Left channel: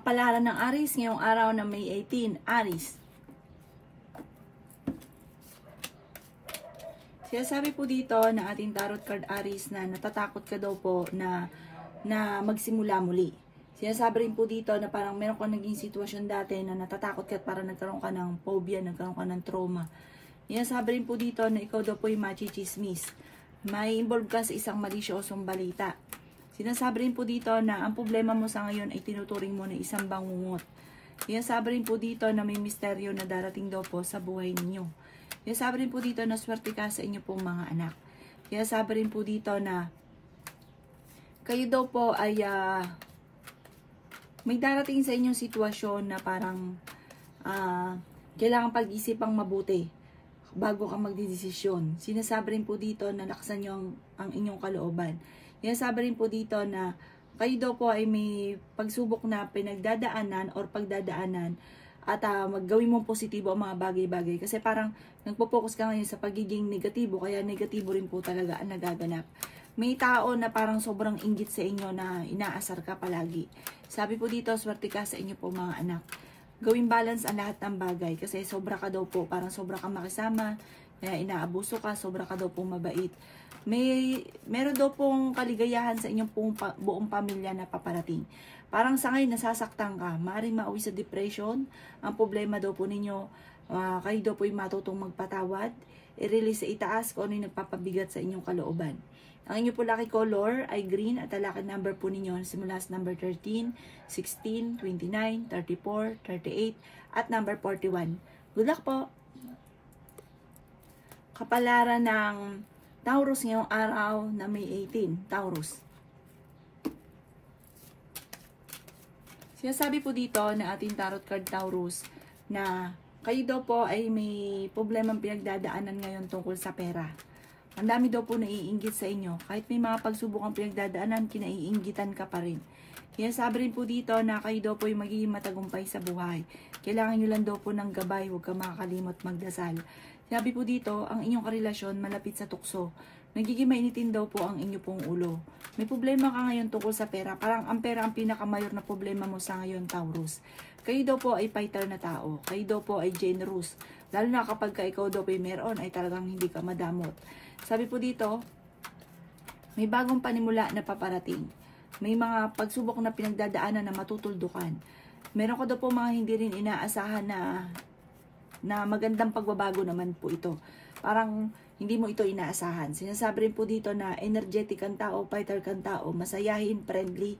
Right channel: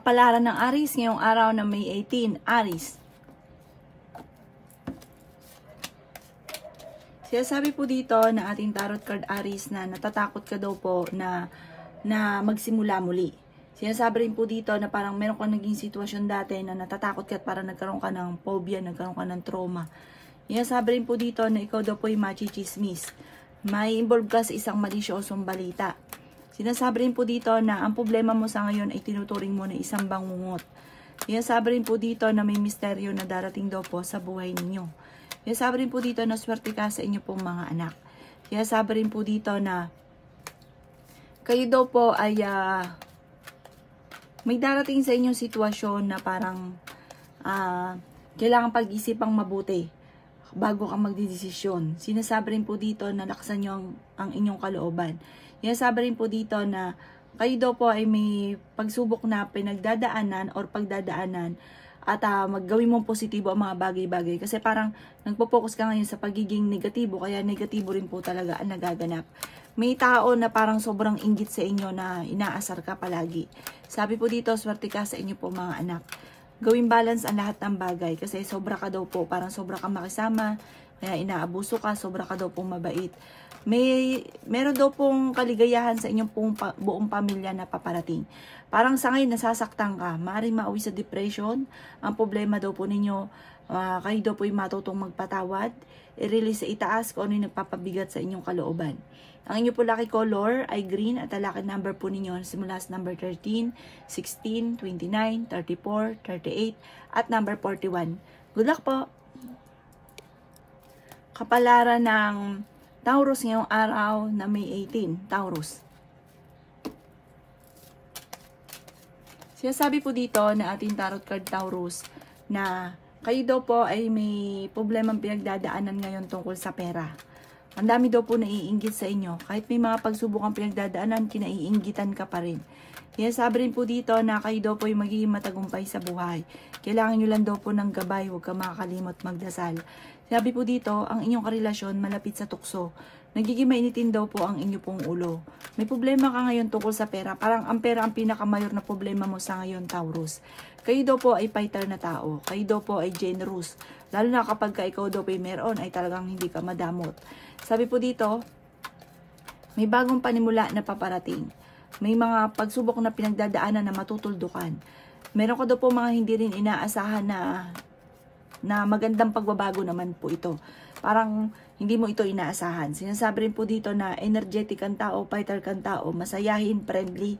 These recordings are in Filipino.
Kapalaran ng Aries ngayong araw ng May 18. Aries. Sinasabi po dito na ating tarot card Aries na natatakot ka daw po na magsimula muli. Sinasabi rin po dito na parang meron kang naging sitwasyon dati na natatakot ka at parang nagkaroon ka ng phobia, nagkaroon ka ng trauma. Sinasabi rin po dito na ikaw daw po ay machichismis. May involve ka sa isang malisyosong balita. Sinasabi rin po dito na ang problema mo sa ngayon ay tinuturing mo na isang bangungot. Sinasabi rin po dito na may misteryo na darating daw po sa buhay ninyo. Sinasabi rin po dito na swerte ka sa inyo pong mga anak. Sinasabi rin po dito na kayo daw po ay may darating sa inyong sitwasyon na parang kailangan pag-isipang mabuti bago ka magdidesisyon. Sinasabi rin po dito na lakasan nyo ang inyong kalooban. Sinasabi rin po dito na kayo daw po ay may pagsubok na pinagdadaanan or pagdadaanan at maggawin mong positibo ang mga bagay-bagay. Kasi parang nagpo-focus ka ngayon sa pagiging negatibo, kaya negatibo rin po talaga ang nagaganap. May tao na parang sobrang inggit sa inyo na inaasar ka palagi. Sabi po dito, swerte ka sa inyo po mga anak. Gawing balance ang lahat ng bagay kasi sobra ka daw po, parang sobra ka makisama, kaya inaabuso ka, sobra ka daw po mabait. Meron daw pong kaligayahan sa inyong pong buong pamilya na paparating. Parang sa ngayon nasasaktan ka, maaaring mauwi sa depression. Ang problema daw po ninyo, kayo daw po ay matutong magpatawad, i-release sa itaas kung ano yung nagpapabigat sa inyong kalooban. Ang inyong po lucky color ay green at ang lucky number po ninyo simula sa number 13, 16, 29, 34, 38 at number 41. Good luck po! Kapalaran ng Taurus ngayong araw na May 18. Taurus. Sinasabi po dito na ating tarot card Taurus na kayo daw po ay may problemang pinagdadaanan ngayon tungkol sa pera. Ang dami daw po naiinggit sa inyo. Kahit may mga pagsubok ang pinagdadaanan, kinaiinggitan ka pa rin. Sinasabi rin po dito na kayo daw po ay magiging matagumpay sa buhay. Kailangan nyo lang daw po ng gabay, huwag ka makakalimot magdasal. Sabi po dito, ang inyong karelasyon malapit sa tukso. Nagiging mainitin daw po ang inyo pong ulo. May problema ka ngayon tungkol sa pera. Parang ang pera ang pinakamayor na problema mo sa ngayon, Taurus. Kayo daw po ay fighter na tao. Kayo daw po ay generous. Lalo na kapag ikaw daw po ay meron, ay talagang hindi ka madamot. Sabi po dito, may bagong panimula na paparating. May mga pagsubok na pinagdadaanan na matutuldukan. Meron ko daw po mga hindi rin inaasahan na magandang pagbabago naman po ito. Parang hindi mo ito inaasahan. Sinasabi rin po dito na energetic kang tao, fighter kang tao, masayahin, friendly.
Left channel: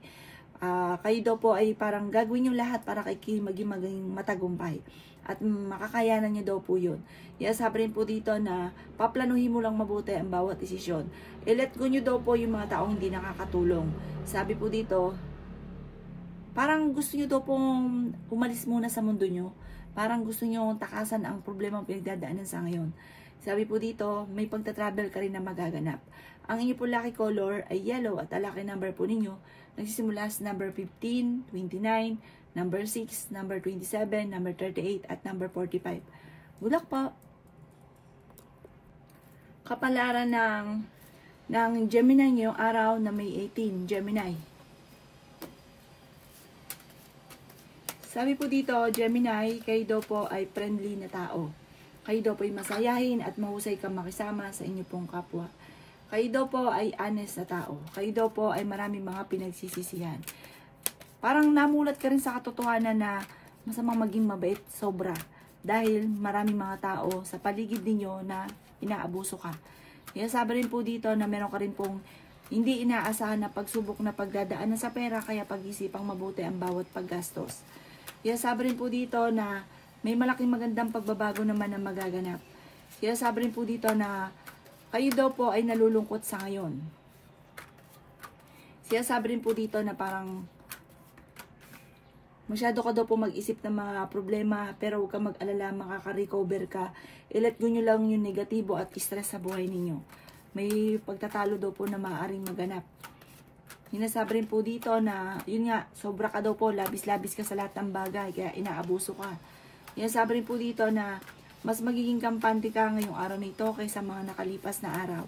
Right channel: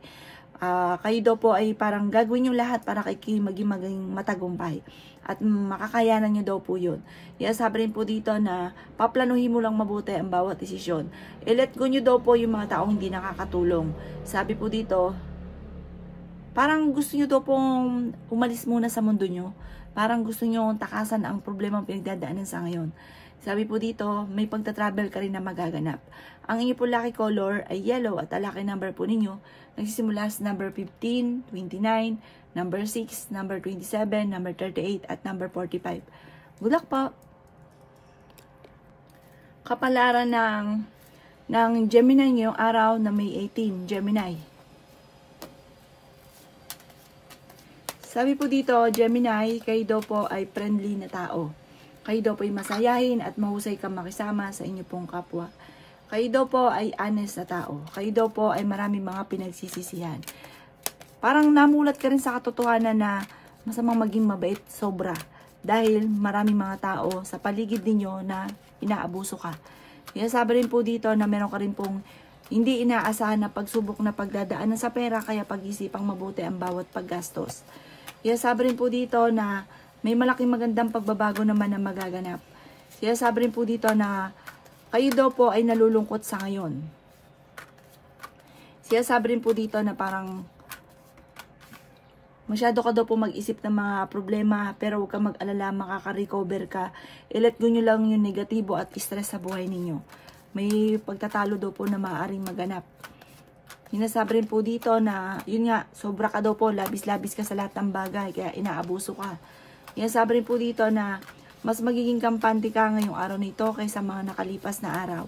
Kayo daw po ay parang gagawin nyo lahat para kayo maging matagumpay. At makakayanan nyo daw po yun. Sinasabi rin po dito na paplanuhin mo lang mabuti ang bawat desisyon. I-let go nyo daw po yung mga taong hindi nakakatulong. Sabi po dito, parang gusto nyo daw pong umalis muna sa mundo nyo. Parang gusto nyo takasan ang problema pinagdadaanan sa ngayon. Sabi po dito, may pagta-travel ka rin na magaganap. Ang inyo po lucky color ay yellow at ang lucky number po ninyo nagsisimula sa number 15, 29, number 6, number 27, number 38 at number 45. Good luck po! Kapalaran ng Gemini ngayong araw na May 18, Gemini. Sabi po dito, Gemini, kayo daw po ay friendly na tao. Kayo daw po ay masayahin at mahusay kang makisama sa inyo pong kapwa. Kayo daw po ay honest na tao. Kayo daw po ay maraming mga pinagsisisihan. Parang namulat ka rin sa katotohanan na masamang maging mabait sobra. Dahil maraming mga tao sa paligid ninyo na inaabuso ka. Sabi rin po dito na meron ka rin pong hindi inaasahan na pagsubok na pagdadaanan sa pera, kaya pag-isipang mabuti ang bawat paggastos. Sabi rin po dito na may malaking magandang pagbabago naman na magaganap. Sabi rin po dito na kayo daw po ay nalulungkot sa ngayon. Sabi rin po dito na parang masyado ka daw po mag-isip ng mga problema, pero huwag ka mag-alala, makaka-recover ka. I-let go nyo lang yung negatibo at stress sa buhay ninyo. May pagtatalo daw po na maaaring maganap. Sinasabi rin po dito na, yun nga, sobra ka daw po, labis-labis ka sa lahat ng bagay, kaya inaabuso ka. Sinasabi rin po dito na mas magiging kampante ka ngayong araw nito kaysa mga nakalipas na araw.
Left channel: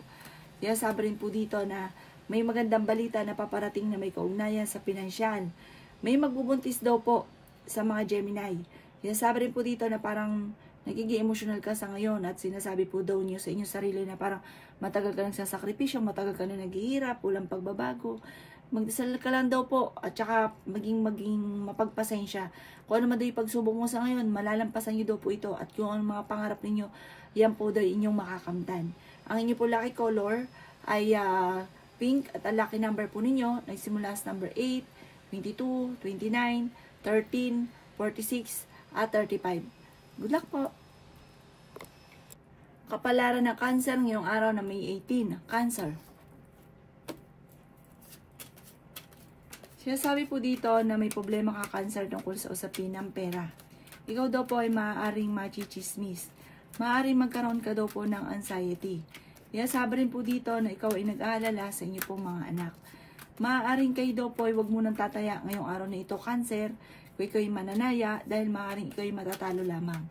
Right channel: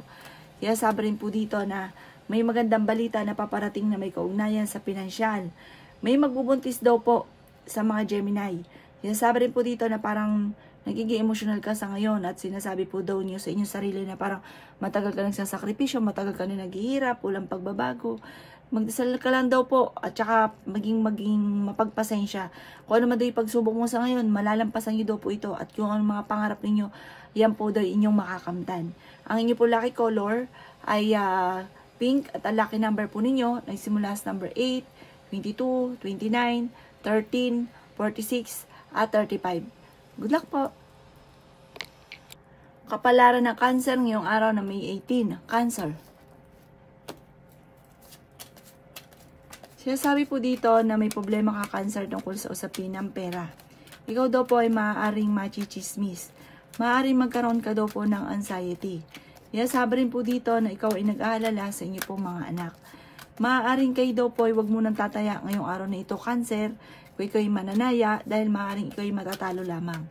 Sinasabi rin po dito na may magandang balita na paparating na may kaugnayan sa pinansyal. May magbubuntis daw po sa mga Gemini. Sinasabi rin po dito na parang nagiging emotional ka sa ngayon at sinasabi po daw niyo sa inyong sarili na parang matagal ka nagsasakripisyo, matagal ka na naghihirap, walang pagbabago. Magdasal ka lang daw po at saka maging mapagpasensya. Kung ano man daw yung pagsubok mo sa ngayon, malalampasan niyo daw po ito at kung ano mga pangarap ninyo, yan po daw inyong makakamtan. Ang inyo po lucky color ay pink at ang lucky number po ninyo nagsimula sa number 8, 22, 29, 13, 46 at 35. Good luck po! Kapalaran ng Cancer ngayong araw na May 18. Cancer. Sinasabi po dito na may problema ka Cancer tungkol sa usapin ng pera. Ikaw daw po ay maaaring machichismis. Maaaring magkaroon ka daw po ng anxiety. Sinasabi rin po dito na ikaw ay nag-aalala sa inyo pong mga anak. Maaaring kayo daw po ay huwag munang tataya ngayong araw na ito Cancer. Kung ikaw ay mananaya dahil maaaring ikaw ay matatalo lamang.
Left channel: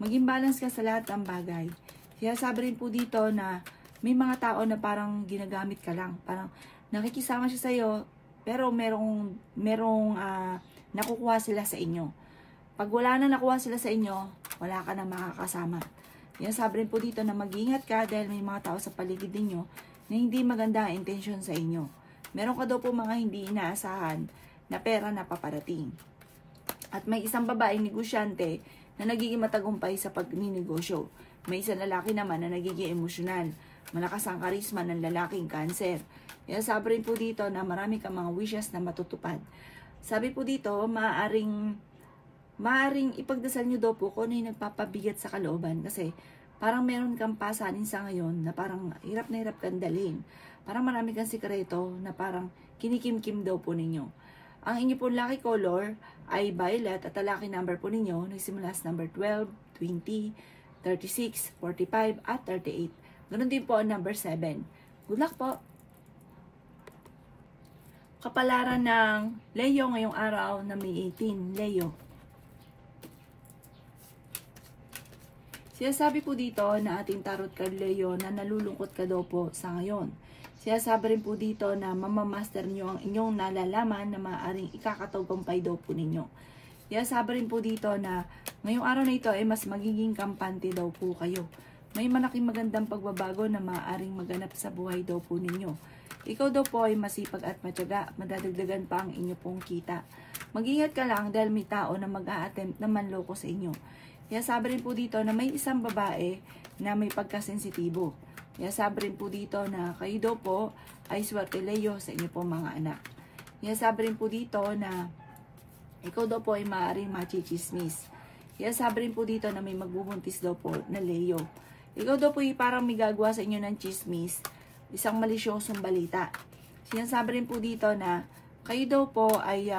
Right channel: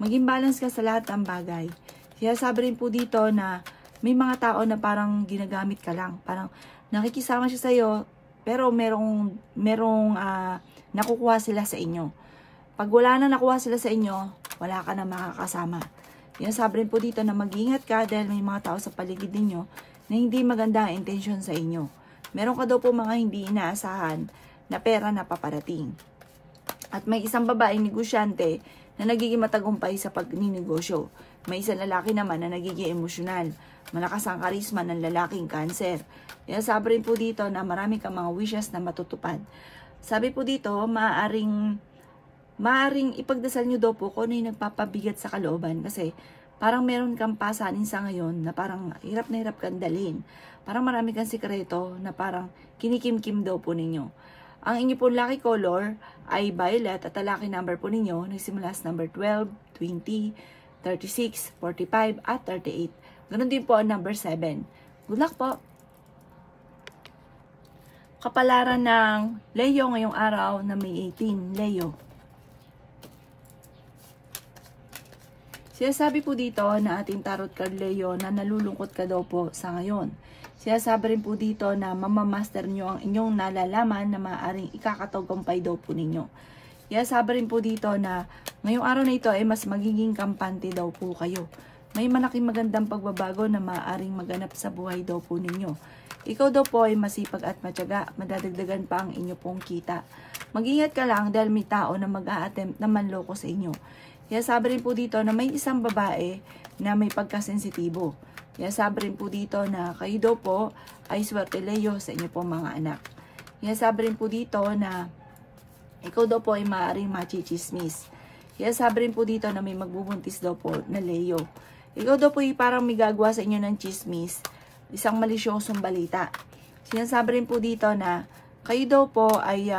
Maging balance ka sa lahat ng bagay. Sinasabi rin po dito na may mga tao na parang ginagamit ka lang. Parang nakikisama siya sa iyo pero merong nakukuha sila sa inyo. Pag wala na nakuha sila sa inyo, wala ka na makakasama. Sinasabi rin po dito na mag-ingat ka dahil may mga tao sa paligid ninyo na hindi maganda ang intention sa inyo. Meron ka daw po mga hindi inaasahan na pera na paparating. At may isang babaeng negosyante na nagiging matagumpay sa pagninegosyo. May isang lalaki naman na nagiging emosyonal. Malakas ang karisma ng lalaking Cancer. Sabi rin po dito na marami kang mga wishes na matutupad. Sabi po dito, maaring ipagdasal nyo daw po kung ano yung nagpapabigat sa kalooban. Kasi parang meron kang pasanin sa ngayon na parang hirap na hirap kang dalhin. Parang marami kang sikreto na parang kinikim-kim daw po ninyo. Ang inyo po lucky color ay violet at ang lucky number po ninyo nagsimula sa number 12, 20, 36, 45 at 38. Ganon din po ang number 7. Good luck po! Kapalaran ng Leo ngayong araw na May 18. Leo. Sinasabi po dito na ating tarot card Leo na nalulungkot ka daw po sa ngayon. Sinasabi rin po dito na mamamaster nyo ang inyong nalalaman na maaaring ikakatagumpay daw po ninyo. Sinasabi rin po dito na ngayong araw na ito ay mas magiging kampante daw po kayo. May malaking magandang pagbabago na maaaring maganap sa buhay daw po ninyo. Ikaw daw po ay masipag at matyaga, madadagdagan pa ang inyo pong kita. Mag-ingat ka lang dahil may tao na mag-a-attempt na manloko sa inyo. Sinasabi rin po dito na may isang babae na may pagkasensitibo. Sabi rin po dito na kayo daw po ay swerte Leo sa inyo pong mga anak. Sabi rin po dito na ikaw daw po ay maaaring machichismis. Sabi rin po dito na may magbubuntis daw po na Leo. Ikaw daw po ay parang may gagawa sa inyo ng chismis, isang malisyosong balita. Sinasabi rin po dito na kayo daw po ay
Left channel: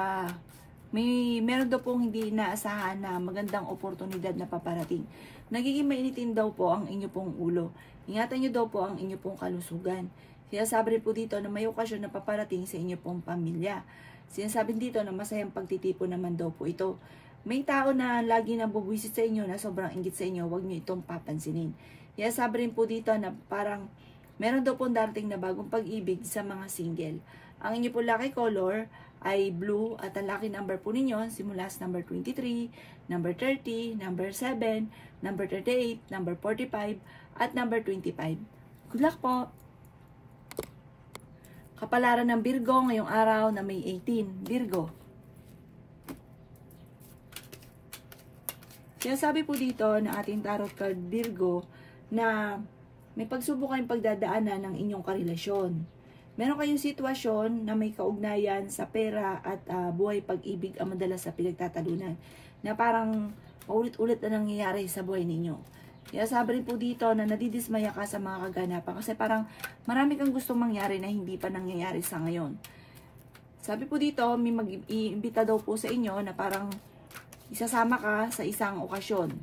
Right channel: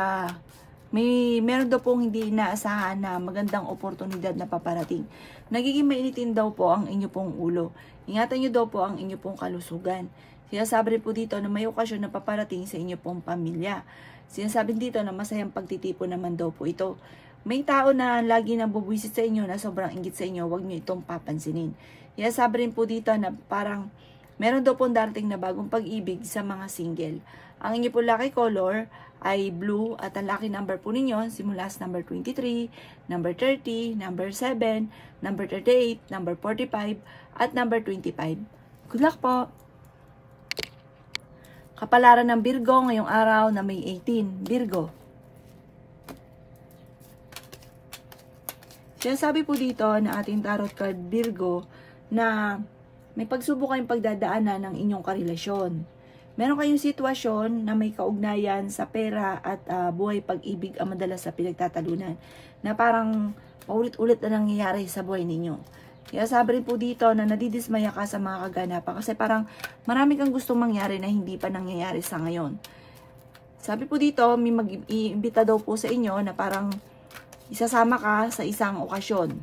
meron daw pong hindi inaasahan na magandang oportunidad na paparating. Nagiging mainitin daw po ang inyo pong ulo. Ingatan nyo daw po ang inyo pong kalusugan. Sinasabi rin po dito na may okasyon na paparating sa inyo pong pamilya. Sinasabi dito na masayang pagtitipon naman daw po ito. May tao na lagi nang bubwisit sa inyo na sobrang inggit sa inyo, huwag nyo itong papansinin. Sinasabi rin po dito na parang meron daw pong darating na bagong pag-ibig sa mga single. Ang inyo po lucky color ay blue at ang lucky number po ninyo simula sa number 23, number 30, number 7, number 38, number 45, at number 25. Good luck po! Kapalaran ng Virgo ngayong araw na May 18. Virgo. Sinasabi po dito na ating tarot card Virgo na may pagsubok kayong pagdadaanan ng inyong karelasyon. Meron kayong sitwasyon na may kaugnayan sa pera at buhay pag-ibig ang madalas sa pinagtatalunan na parang paulit-ulit na nangyayari sa buhay ninyo. Kaya sabi rin po dito na nadidismaya ka sa mga kaganapan kasi parang marami kang gustong mangyari na hindi pa nangyayari sa ngayon. Sabi po dito, may mag-iimbita daw po sa inyo na parang isasama ka sa isang okasyon.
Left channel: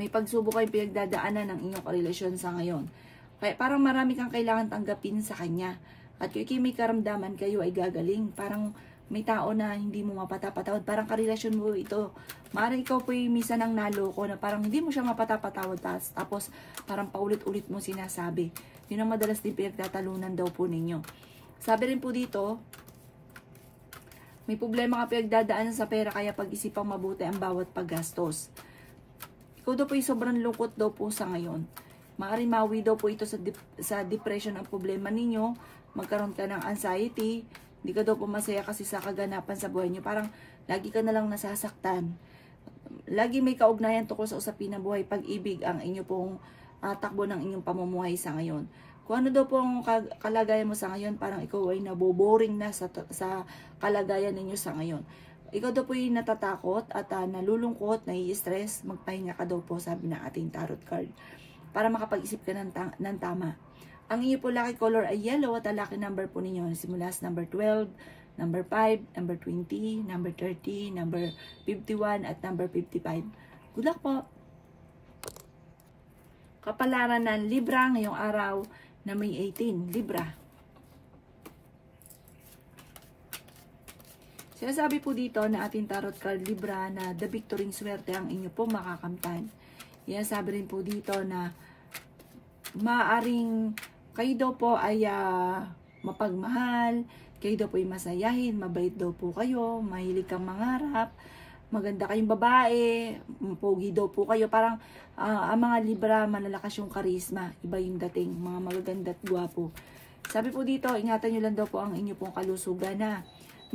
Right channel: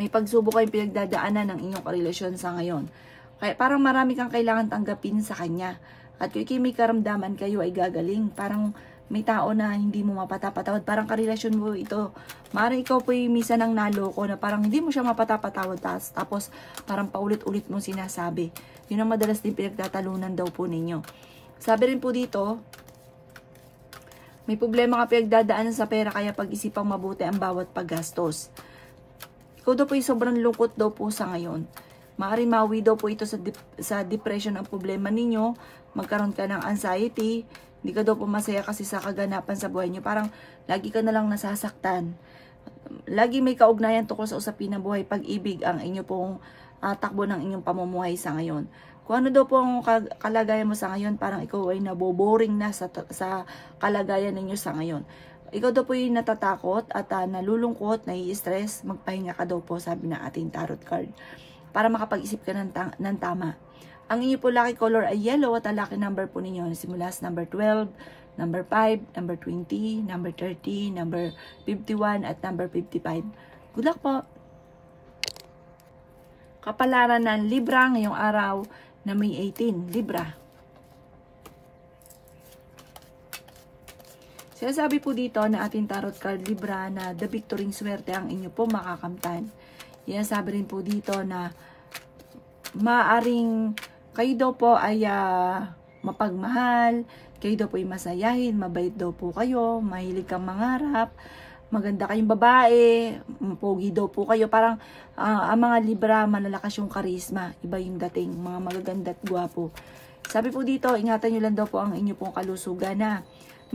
May pagsubok kayong pinagdadaanan ng inyong karelasyon sa ngayon. Kaya parang marami kang kailangan tanggapin sa kanya. At kung may karamdaman kayo ay gagaling. Parang may tao na hindi mo mapatapatawad. Parang karelasyon mo ito. Maaaring ikaw po yung misa ng naloko na parang hindi mo siya mapatapatawad. Tapos parang paulit-ulit mo sinasabi. Yun ang madalas din pinagtatalunan daw po ninyo. Sabi rin po dito, May problema ka pinagdadaanan sa pera, kaya pag-isipang mabuti ang bawat paggastos. Ikaw daw po ay sobrang lungkot daw po sa ngayon. Maaaring mawi daw po ito sa depression ang problema ninyo. Magkaroon ka ng anxiety. Hindi ka daw po masaya kasi sa kaganapan sa buhay nyo. Parang lagi ka na lang nasasaktan. Lagi may kaugnayan tungkol sa usapin ng buhay, pag-ibig ang inyo pong takbo ng inyong pamumuhay sa ngayon. Kung ano daw po ang kalagayan mo sa ngayon, parang ikaw ay naboboring na sa kalagayan ninyo sa ngayon. Ikaw daw po yung natatakot at nalulungkot, nai-stress, magpahinga ka daw po, sabi ng ating tarot card, para makapag-isip ka ng tama. Ang inyo po lucky color ay yellow at ang lucky number po ninyo simula sa number 12, number 5, number 20, number 30, number 51 at number 55. Good luck po! Kapalaran ng Libra ngayong araw na May 18, Libra. Sinasabi po dito na ating tarot card Libra na the victory swerte ang inyo po makakamtan. Yan, sabi rin po dito na maaring kayo daw po ay mapagmahal, kayo daw po ay masayahin, mabait daw po kayo, mahilig kang mangarap, maganda kayong babae, pogi daw po kayo. Parang ang mga Libra, malalakas yung karisma, iba yung dating, mga magaganda at gwapo. Sabi po dito, ingatan nyo lang daw po ang inyo pong kalusugan na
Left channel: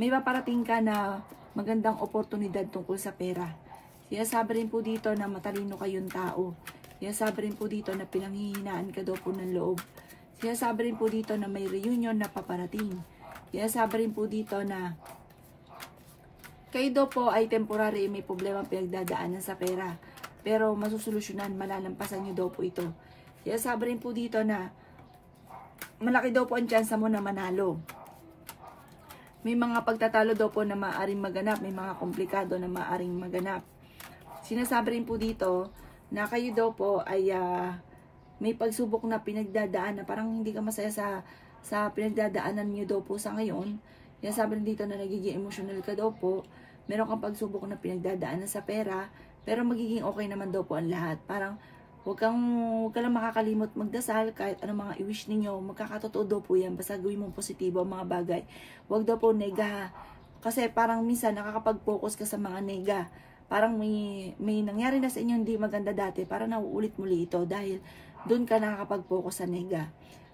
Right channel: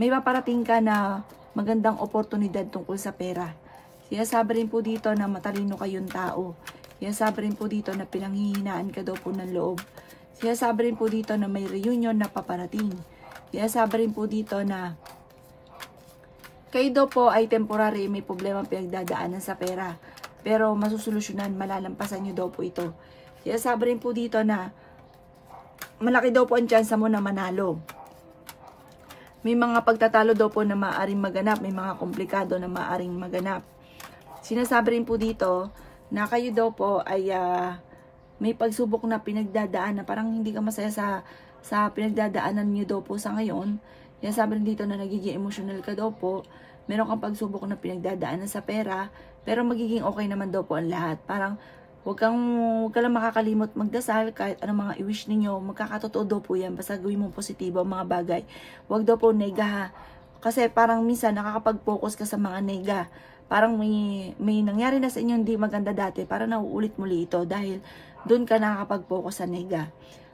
may paparating ka na magandang oportunidad tungkol sa pera. Sabi rin po dito na matalino kayong tao. Sabi rin po dito na pinanghihinaan ka daw po ng loob. Sabi rin po dito na may reunion na paparating. Sabi rin po dito na kayo daw po ay temporary, may problema pinagdadaanan sa pera. Pero masusolusyonan, malalampasan nyo daw po ito. Sabi rin po dito na malaki daw po ang tsansa mo na manalo. May mga pagtatalo daw po na maaaring maganap, may mga komplikado na maaaring maganap. Sinasabi rin po dito na kayo daw po ay may pagsubok na pinagdadaan na parang hindi ka masaya sa pinagdadaanan nyo daw po sa ngayon. Sabi rin dito na nagiging emotional ka daw po. Meron kang pagsubok na pinagdadaanan sa pera, pero magiging okay naman daw po ang lahat. Parang huwag ka lang makakalimot magdasal, kahit anong mga i-wish ninyo, magkakatotoo daw po yan. Basta gawin mong positibo ang mga bagay. Huwag daw po nega. Kasi parang minsan nakakapag-focus ka sa mga nega. Parang may nangyari na sa inyo hindi maganda dati, parang nauulit muli ito dahil doon ka nakakapag-focus sa nega.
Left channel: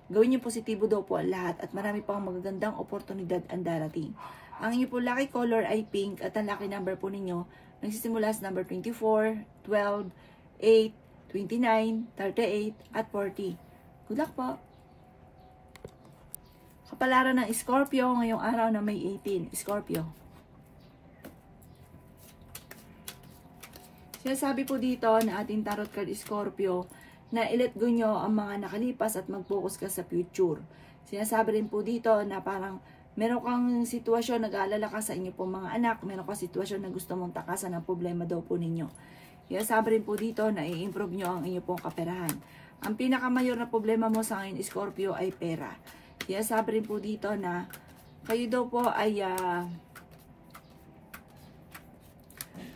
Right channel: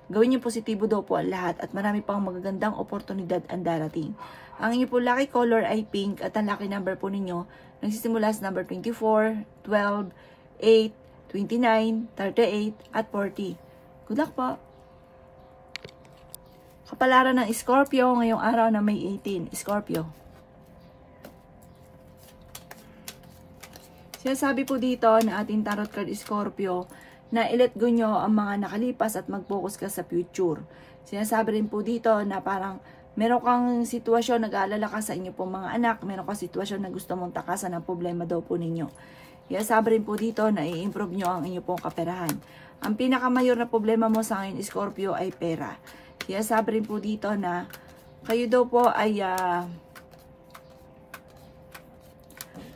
Gawin niyo positibo daw po ang lahat at marami pang magagandang oportunidad ang darating. Ang inyo po lucky color ay pink at ang lucky number po ninyo nagsisimula sa number 24, 12, 8, 29, 38, at 40. Good luck po! Kapalaran ng Scorpio ngayong araw na May 18. Scorpio. Sinasabi po dito na ating tarot card Scorpio na i-let go nyo ang mga nakalipas at mag-focus ka sa future. Sinasabi rin po dito na parang meron kang sitwasyon, nag-aalala ka sa inyo pong mga anak, meron kang sitwasyon na gusto mong takasan ng problema daw po ninyo. Sabi rin po dito na i-improve nyo ang inyo pong kaperahan. Ang pinakamayor na problema mo sa ngayon, Scorpio, ay pera. Sabi rin po dito na kayo daw po ay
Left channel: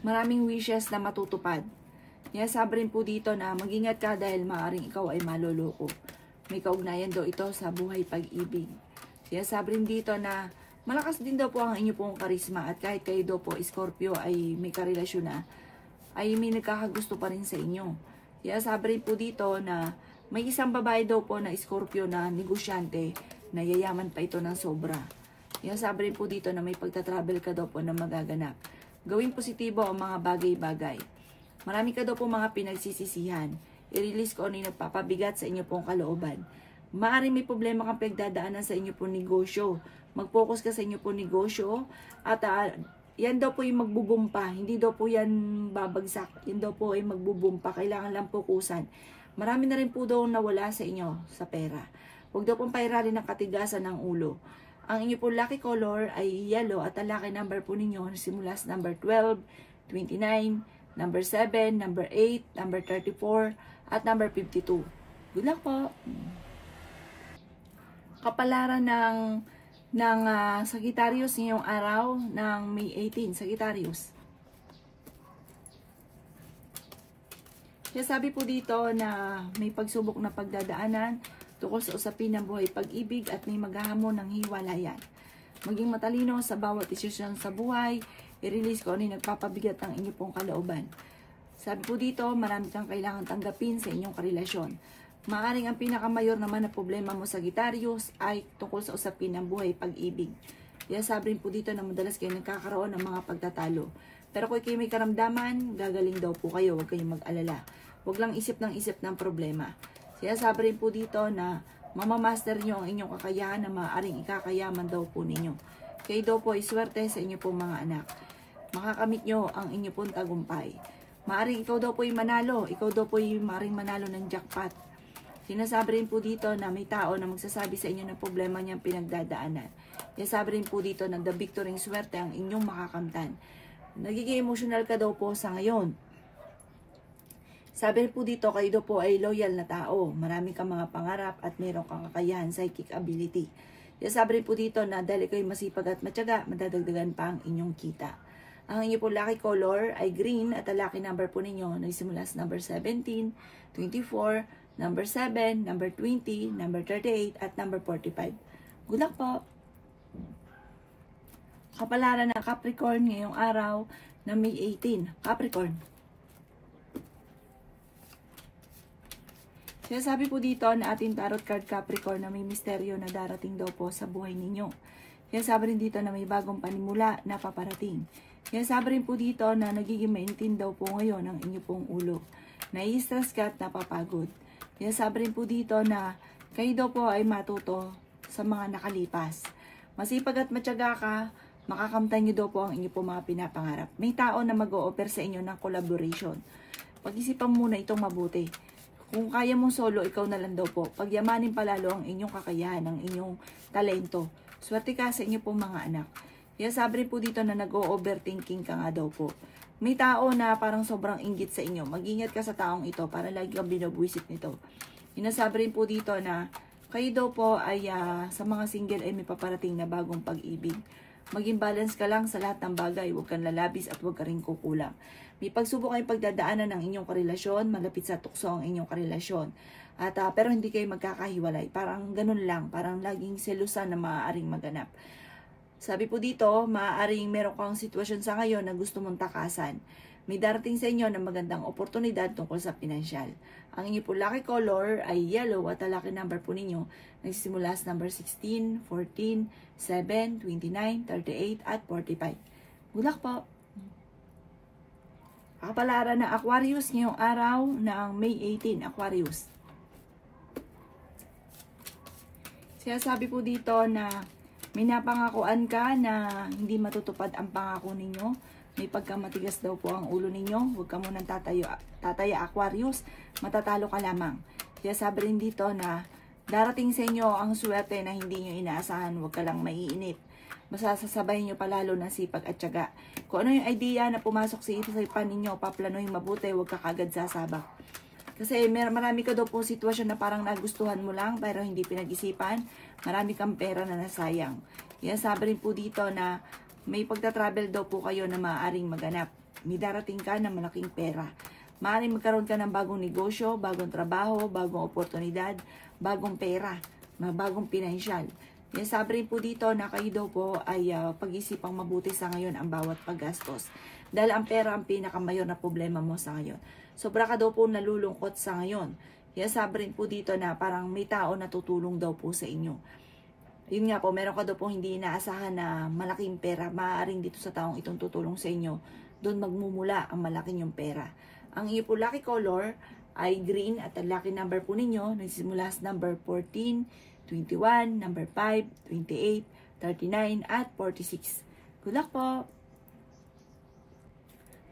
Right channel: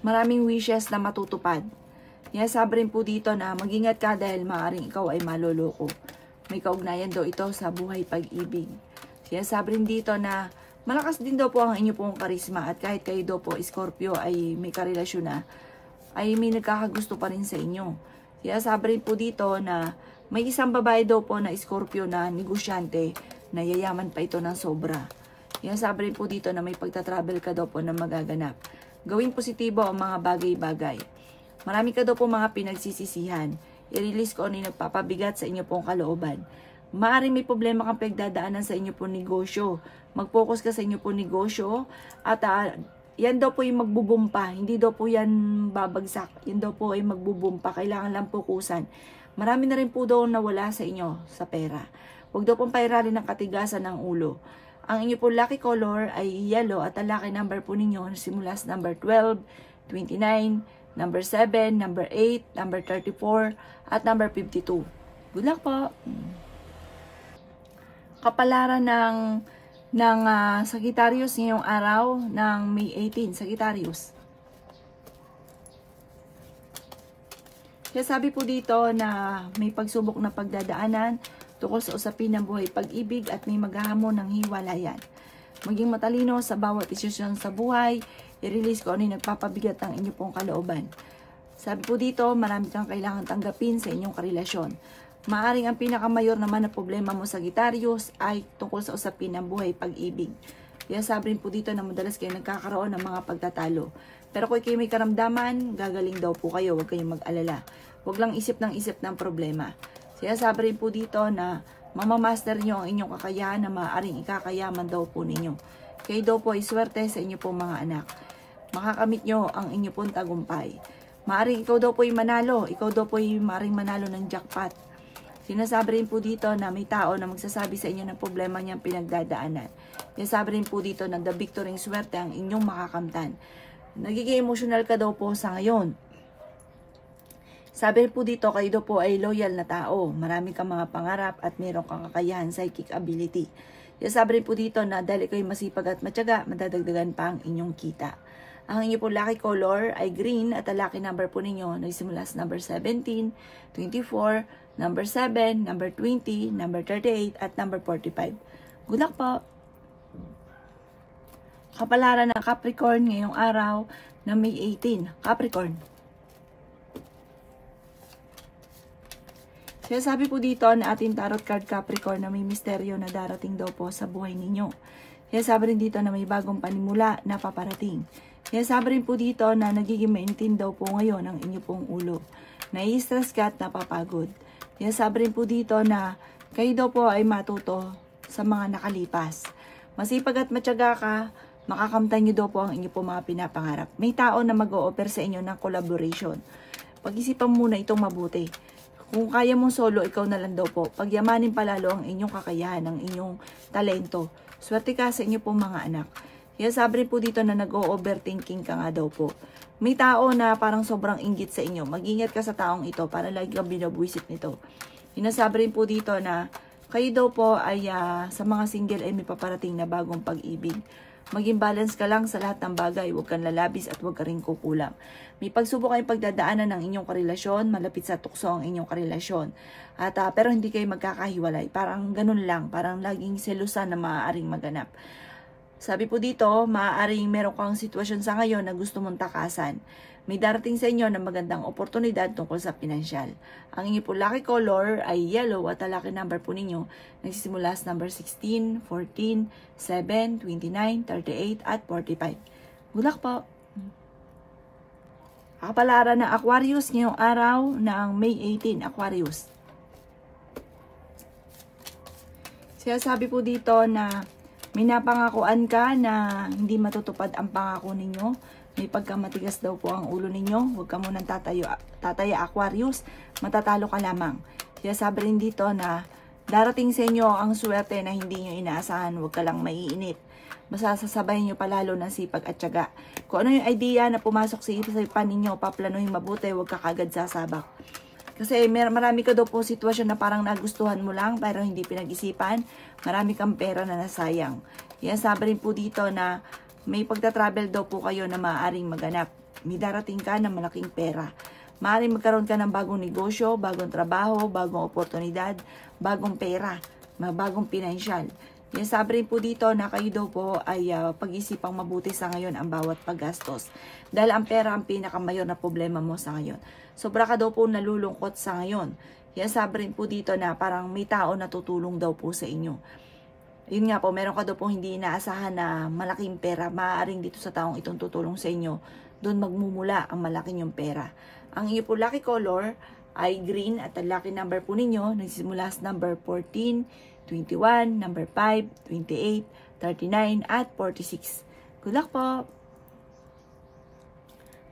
maraming wishes na matutupad. Sabi rin po dito na mag-ingat ka dahil maaaring ikaw ay maloloko. May kaugnayan daw ito sa buhay pag-ibig. Sabi rin dito na malakas din daw po ang inyo pong karisma at kahit kayo daw po Scorpio ay may karelasyon na, ay may nagkakagusto pa rin sa inyo. Sabi rin po dito na may isang babae daw po na Scorpio na negosyante na yayaman pa ito ng sobra. Sabi rin po dito na may pagta-travel ka daw po na magaganap. Gawing positibo ang mga bagay-bagay. Marami ka daw po mga pinagsisisihan. I-release ko ano yung nagpapabigat sa inyo pong kalooban. Maaaring may problema kang pagdadaanan sa inyo pong negosyo. Mag-focus ka sa inyo pong negosyo at yan daw po yung magbubumpa. Hindi daw po yan babagsak. Yan daw po ay magbubumpa. Kailangan lang fokusan. Marami na rin po daw nawala sa inyo sa pera. Huwag daw pong pairarin ng katigasan ng ulo. Ang inyo po lucky color ay yellow at ang lucky number po ninyo simula sa number 12, 29, number 7, number 8, number 34, at number 52. Good luck po! Kapalaran ng Sagittarius ngayong araw ng May 18, Sagittarius. Sabi po dito na may pagsubok na pagdadaanan tungkol sa usapin ng buhay pag-ibig at may maghahamon ng hiwalayan. Maging matalino sa bawat desisyon sa buhay. I-release ko ano yung nagpapabigat ng inyong pong kalooban. Sabi po dito, marami kang kailangan tanggapin sa inyong karelasyon. Maaring ang pinakamayor naman na problema mo, Sagittarius, ay tungkol sa usapin ng buhay, pag-ibig. Kaya sabi rin po dito na madalas kayo nagkakaroon ng mga pagtatalo. Pero kung kayo may karamdaman, gagaling daw po kayo, huwag kayong mag-alala. Huwag lang isip ng problema. Kaya sabi rin po dito na mamamaster nyo ang inyong kakayahan na maaaring ikakayaman daw po ninyo. Kayo daw po ay swerte sa inyo po mga anak. Makakamit nyo ang inyo pong tagumpay. Maaring ikaw daw po ay manalo. Ikaw daw po ay maaring manalo ng jackpot. Sinasabi rin po dito na may tao na magsasabi sa inyo ng problema niyang pinagdadaanan. Sinasabi rin po dito na the victory swerte ang inyong makakamtan. Nagiging emotional ka daw po sa ngayon. Sabi po dito, kayo daw po ay loyal na tao. Marami kang mga pangarap at mayroon kang kakayahan, psychic ability. Sabi rin po dito na dahil kayo masipag at matyaga, madadagdagan pa ang inyong kita. Ang inyo po lucky color ay green at ang lucky number po ninyo nagsimula sa number 17, 24, number 7, number 20, number 38, at number 45. Good luck po! Kapalaran ng Capricorn ngayong araw na May 18. Capricorn. Kaya sabi po dito na ating tarot card Capricorn na may misteryo na darating daw po sa buhay ninyo. Kaya sabi rin dito na may bagong panimula na paparating. Kaya sabi rin po dito na nagiging maintin daw po ngayon ang inyo pong ulo. Nai-stress ka at napapagod. Kaya sabi rin po dito na kayo daw po ay matuto sa mga nakalipas. Masipag at matyaga ka, makakamtan nyo daw po ang inyo po mga pinapangarap. May tao na mag-o-offer sa inyo ng collaboration. Pag-isipan muna itong mabuti. Kung kaya mong solo, ikaw na lang daw po. Pagyamanin palalo ang inyong kakayahan, ang inyong talento. Swerte ka sa inyo pong mga anak. Kaya sabi rin po dito na nag-o-overthinking ka nga daw po. May tao na parang sobrang inggit sa inyo. Mag-ingat ka sa taong ito para lagi kang binabwisit nito. Inasabi rin po dito na kayo daw po ay sa mga single ay may paparating na bagong pag-ibig. Maging balance ka lang sa lahat ng bagay. Huwag kang lalabis at huwag ka rin kukulang. May pagsubok kayong pagdadaanan ng inyong karelasyon. Malapit sa tukso ang inyong karelasyon. At, pero hindi kayo magkakahiwalay. Parang ganun lang. Parang laging selusan na maaaring maganap. Sabi po dito, maaaring meron kang sitwasyon sa ngayon na gusto mong takasan. May darating sa inyo na magandang oportunidad tungkol sa pinansyal. Ang inyo po lucky color ay yellow at ang lucky number po ninyo nagsisimula sa number 16, 14, 7, 29, 38 at 45. Good luck po! Kapalaran ng Aquarius ngayong araw ng May 18, Aquarius. Siya sabi po dito na may napangakuan ka na hindi matutupad ang pangako ninyo. May pagkamatigas daw po ang ulo ninyo. Huwag ka munang tataya Aquarius. Matatalo ka lamang. Kaya sabi rin dito na darating sa inyo ang swerte na hindi nyo inaasahan. Huwag ka lang maiinip. Basta sasabayin nyo palalo ng sipag at tiyaga. Kung ano yung idea na pumasok sa isipan ninyo, paplanuhin mabuti. Huwag ka kagad sasabak. Kasi marami ka daw po sitwasyon na parang nagustuhan mo lang pero hindi pinag-isipan. Marami kang pera na nasayang. Yan sabi rin po dito na may pagta-travel daw po kayo na maaaring maganap. May darating ka ng malaking pera. Maaaring magkaroon ka ng bagong negosyo, bagong trabaho, bagong oportunidad, bagong pera, bagong pinansyal. Yan sabi rin po dito na kayo daw po ay pag-isipang mabuti sa ngayon ang bawat paggastos. Dahil ang pera ang pinakamayor na problema mo sa ngayon. Sobra ka daw po nalulungkot sa ngayon. Yan sabi rin po dito na parang may tao na tutulong daw po sa inyo. Yun nga po, meron ka daw po hindi inaasahan na malaking pera. Maaaring dito sa taong itong tutulong sa inyo, doon magmumula ang malaking yung pera. Ang iyo po lucky color ay green at ang lucky number po ninyo nagsisimula sa number 14, 21, number 5, 28, 39, at 46. Good luck po!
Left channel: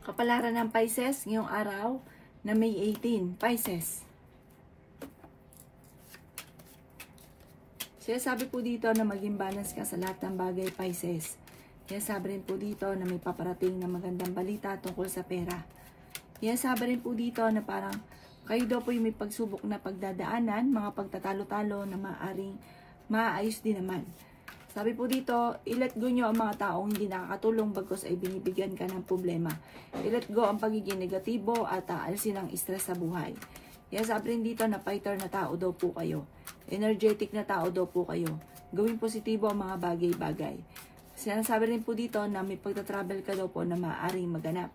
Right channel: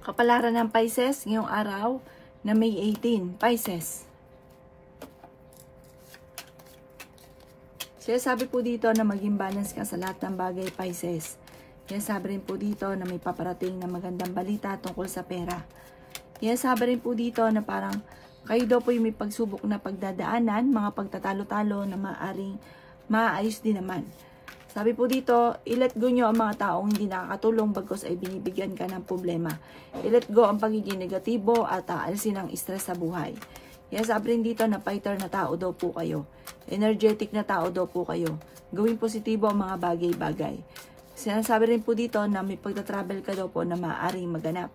Kapalaran ng Pisces ngayong araw na May 18, Pisces. Kaya sabi po dito na maging balance ka sa lahat ng bagay, Pisces. Kaya sabi rin po dito na may paparating na magandang balita tungkol sa pera. Kaya sabi rin po dito na parang kayo daw po yung may pagsubok na pagdadaanan, mga pagtatalo-talo na maaaring maayos din naman. Sabi po dito, i-let go nyo ang mga taong hindi nakakatulong bagkus ay binibigyan ka ng problema. I-let go ang pagiging negatibo at aalisin ang stress sa buhay. Yes, sabi rin dito na fighter na tao daw po kayo. Energetic na tao daw po kayo. Gawin positibo ang mga bagay-bagay. Sinasabi rin po dito na may pagta-travel ka daw po na maaaring maganap.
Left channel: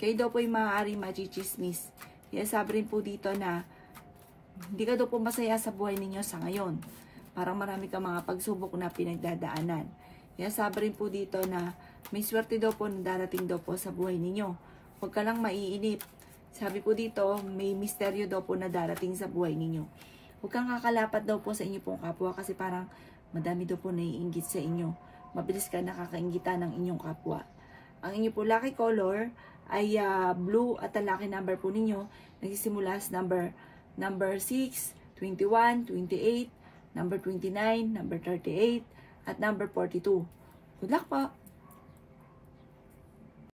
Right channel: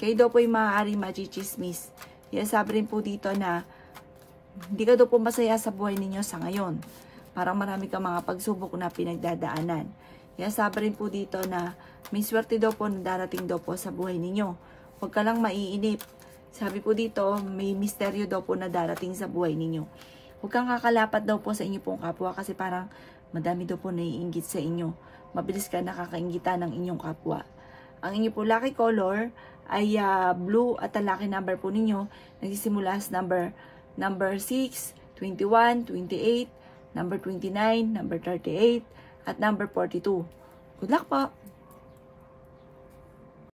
Kayo daw po yung maaaring machismis. Yes, sabi rin po dito na hindi ka daw po masaya sa buhay ninyo sa ngayon. Parang marami kang mga pagsubok na pinagdadaanan. Yes, sabi rin po dito na may swerte daw po na darating daw po sa buhay ninyo. Huwag ka lang maiinip. Sabi po dito, may misteryo daw po na darating sa buhay ninyo. Huwag kang kakalapat daw po sa inyo pong kapwa kasi parang madami daw po naiinggit sa inyo. Mabilis ka nakakainggitan ng inyong kapwa. Ang inyo po lucky color ay blue at ang lucky number po ninyo nagsisimula sa number 6, 21, 28, number 29, number 38, at number 42. Good luck po!